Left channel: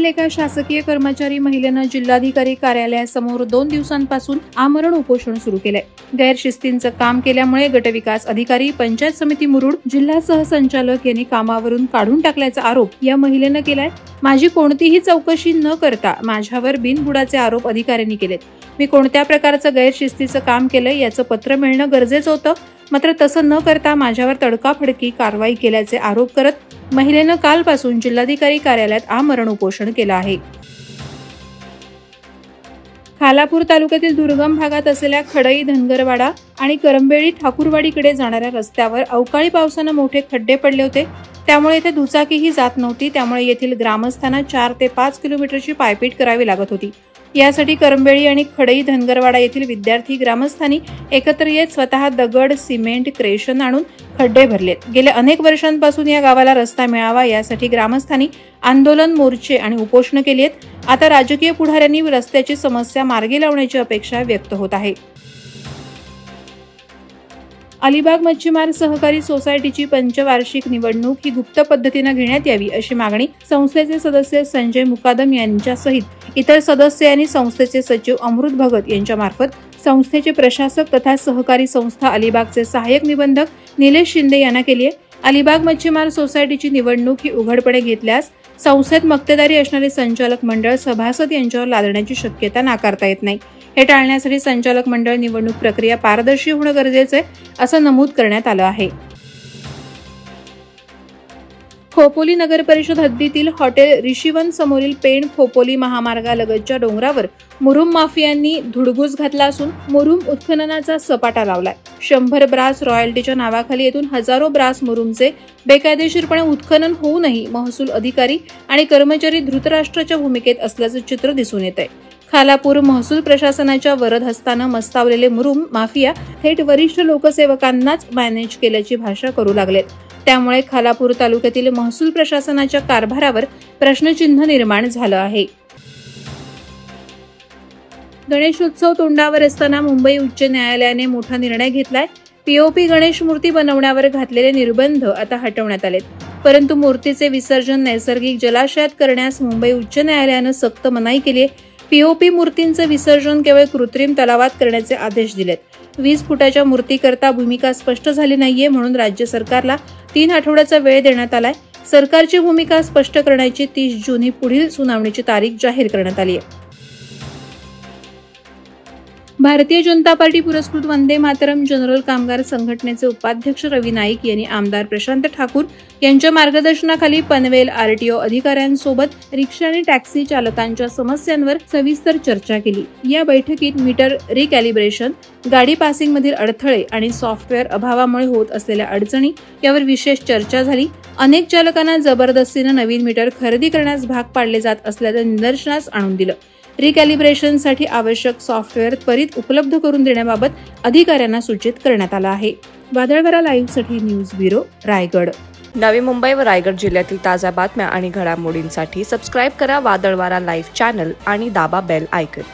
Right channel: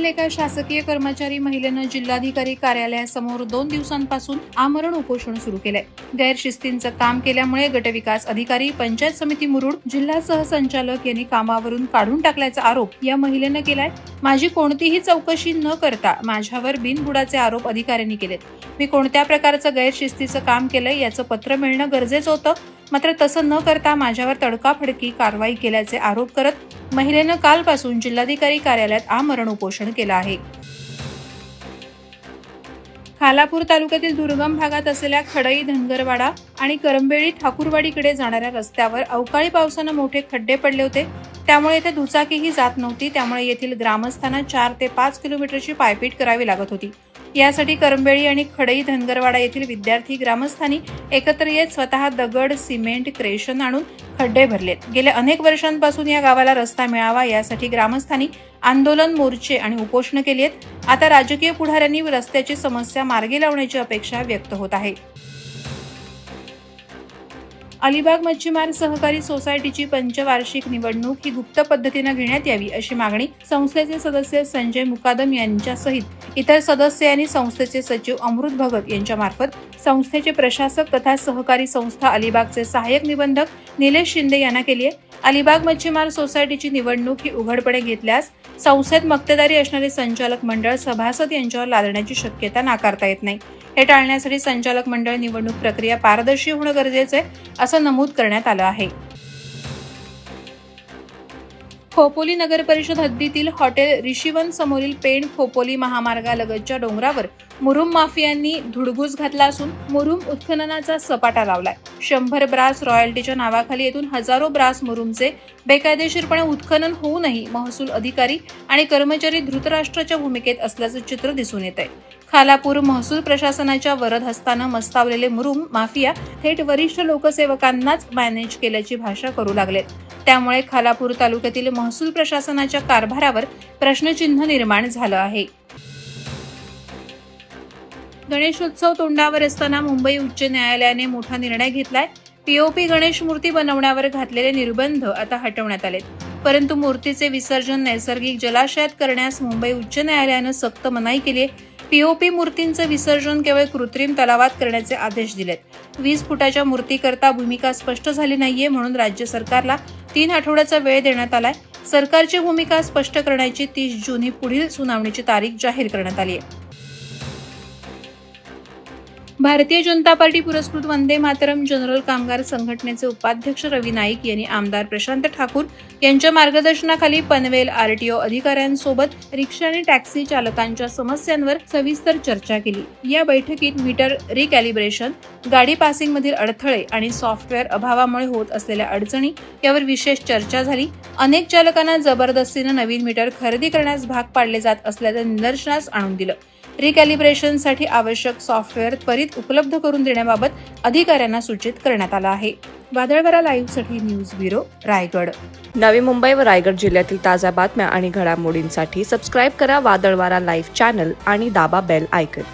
पुण्यातील एका शासकीय कर्मचारी महिलेनं जिल्हाधिकारी कार्यालयासमोर 2 दिवसांपासून आमरण उपोषण सुरू केलंय। गैरशिस्तीचं काम केल्यामुळे गटविकास अधिकारी, पंचायत समिती मुरुड, जिल्हा सहसंचालक यांनी कामावरून काढून टाकल्याचा आरोप या महिलेनं केलाय। माझी कोणतीही चौकशी न करता माझ्यावर बिनबुडाचे आरोप अधिकाऱ्यांनी केलेत। मी कोणत्या प्रकारचं गैरशिस्तीचं काम केलंय याचं पत्र मिळणं गरजेचं होतं, मात्र तसं न करता माझ्यावर तडकाफडकी कारवाई केल्याचे आरोप करत महिलेनं कालपासून जिल्हाधिकारी कार्यालयात आमरण उपोषण केलं आहे। खालापूर तालुक्यातील दुर्गम भागात असलेल्या खडई, धनगरवाडा आणि करंबेळी ठाकूरवाडीकडे जाणाऱ्या रस्त्यावर अवकाळी पावसानं मोठे खड्डे पडले होते। त्यामुळे येथे दुचाकीही जात नव्हती। त्यामुळे येथील ग्रामस्थांना 4 ते 5 किलोमीटरची पायपीट करावी लागत होती। यासाठी करंबेळी आणि खडई, धनगरवाडा येथील विद्यार्थी ग्रामस्थांनी एकत्र येत स्वतः दगड, सिमेंट, क्रेशन आणून खड्डे भरलेत। गेल्या अनेक वर्षांपासून या गावाला रस्ता मिळावा यासाठी ग्रामस्थांनी आंदोलन, मोर्चे आणि उपोषण केली आहेत। आता राजकीय पुढाऱ्यांनी रस्त्याची समस्या मार्गी लावण्याची अपेक्षा व्यक्त होत आहे। अलिबाग मच्छीमार सहकारी सोसायटीची पंचवार्षिक निवडणूक ही गुप्त पद्धतीने घेण्यात यावी अशी मागणी संस्थेचे सदस्य संजय मुकादम यांच्यासहित इतर सदस्य आणि संस्थेचे सचिव अमृत भगत यांच्यामार्फत संस्थेचे प्रशासक तथा सहकारी संस्था अलिबागचे सहाय्यक निबंधक निलेश शिंदे यांना केली आहे। अलिबाग मच्छीमार सोसायटीची निवडणूक ही उघडपणे घेतल्यास संस्थेत मक्तेदारी असणारे संचालक मंडळ सभासद यांच्यावर लादण्याची शक्यता नाकारता येत नाही। हे टाळण्यासाठी संचालक मंडळ निवडणूक प्रक्रिया पारदर्शी होणं गरजेचं आहे असं नमूद करण्यात आलं आहे। खोपोली नगर परिषद हद्दीतील हॉटेल ऋषीवन समोरील पेण खोपोली महामार्गालगतच्या डोंगरावर मुरुम माफियांनी धुडगूस घातला असून मुरुम उत्खननाचा सपाटा लावलाय। 100 ब्रास रॉयल्टीच्या नावाखाली येथून हजारो ब्रास मुरुमचे बेकायदेशीरपणे उत्खनन होऊनही महसूल अधिकारी आणि कर्मचारी धृतराष्ट्राच्या भूमिकेत असल्याचं चित्र दिसून येत आहे। खालापूर महसूल प्रशासनाच्या वरद हस्तानं मस्तावलेले मुरुम माफिया थेट वरिष्ठ लोकसेवकांनाच मॅनेज केल्याची भाषा करू लागलेत। त्यामुळे खालापूर तालुक्यातील महसूल प्रशासनाच्या कारभारावर प्रश्नचिन्ह निर्माण झालं आहे। गणेशोत्सव तोंडावर असताना मुंबई उच्च न्यायालयाने मोठा निर्णय घेतलाय। पीओपी गणेश मूर्ती बनवण्यावर घातलेले निर्बंध आता हटवण्यात आलेत, परंतु मूर्तीचे विसर्जन नैसर्गिक जलाशयात करण्यास मुंबई उच्च न्यायालयानं सक्त मनाई केली आहे। पीओपी मूर्तींचं विसर्जन केवळ कृत्रिम तलावात करण्याचे आदेश दिलेत। 20 फुटाच्या मूर्तीकरता भूमिका स्पष्ट झाली नाहीये, म्हणून राज्य सरकारला 3 आठवड्याचा वेळ देण्यात आलाय। सरकारची भूमिका स्पष्ट करण्याची 30 जून ही पुढील सुनावणीची तारीख जाहीर करण्यात आली आहे। भारतीय जनता पार्टी पुरस्कृत वंदे मातरम जनरल कामगार संघटनेचे उपाध्यक्ष रवी नाईक यांनी आमदार प्रशांत ठाकूर यांच्या मार्गदर्शनाखाली पनवेल आरटीओ अधिकाऱ्यांसोबत रिक्षा आणि टॅक्सी चालकांच्या समस्यांवर सविस्तर चर्चा केली। या बैठकीत मीटर रिकॅलिब्रेशन, गाडी पासिंगमधील अडथळे आणि सॉफ्टवेअर अभावामुळे होत असलेल्या अडचणी यावर विशेष चर्चा झाली। अनेक चालकांना जबरदस्तीने नवीन मीटर खरेदी करण्यास भाग पाडले जात असल्याचं निदर्शनास आणून दिलं। रिकॅलिब्रेशनसाठी आवश्यक सॉफ्टवेअर त्वरित उपलब्ध करून देण्याबाबत अधिकाऱ्यांना सूचित करण्यात आलं आहे। वादळवारा लाईव्हसाठी न्यूज ब्युरो, रायगड। नवी मुंबई व रायगड जिल्ह्यातील ताज्या बातम्या आणि घडामोडींसाठी सबस्क्राईब करा वादळवारा लाईव्ह चॅनल आणि दाबा बेल आयकॉन।